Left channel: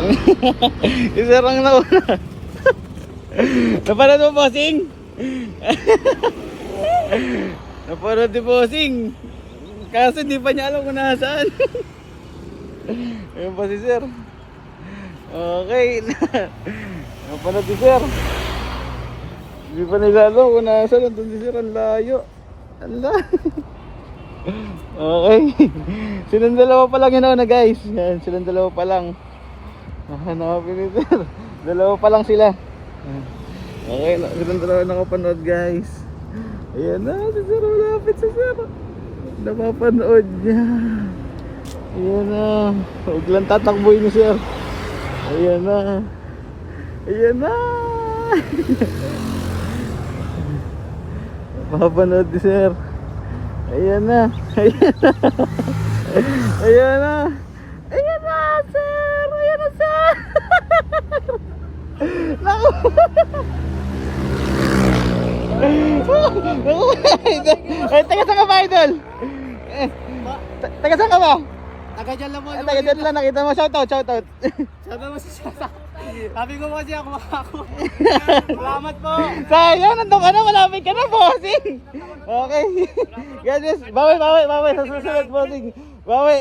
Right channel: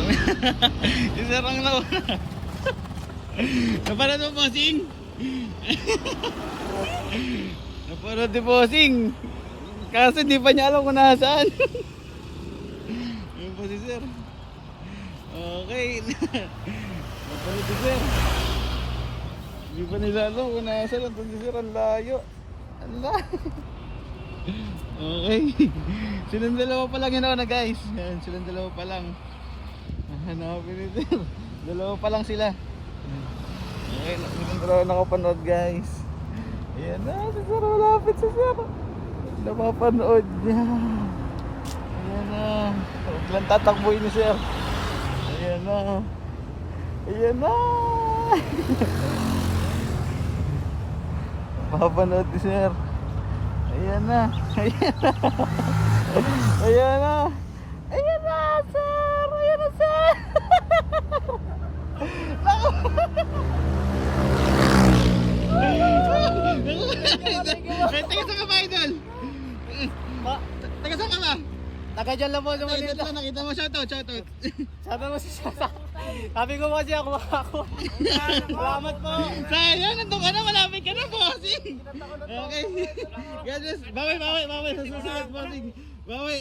sir. Si sir ang nauna. Napanood mo, bossing? Napanood ni bossing. Kasi di pa niya alam kung nasaan. Ayun pa si sir. Okay. Napanood si sir. Di pa nila alam kung nasaan. Nandun si sir, ang layo. Ang layo. Okay. Silang dalawa pa lang yun na guys. Yan, silang dalawa pa lang. Hanapin ni sir. Dalawa pa lang sila. Okay, silang dalawa nakapanood guys. Ayan na, si sir, malapit si sir. Napapanood niya. Ayan na. Biglang tatakboy ni sir. Ayan na. Ayan na. Napapanood ni sir. Ayan na. Ayan na. Ayan na. Ayan na, sir. Ayan na, sir. Ay, taga saan ka ba, idol? Taga saan ka ba? Taga dyan lang mo. Taga dyan lang, nakita mo. Shoutout, shoutout. Sana mo si Shata. Sabi ko kasi ako. Salamat po. Sayang, nandun ka na, malapit ka na, bossing. Okay. Guys, bawi. Sa susunod, bossing. Bawi.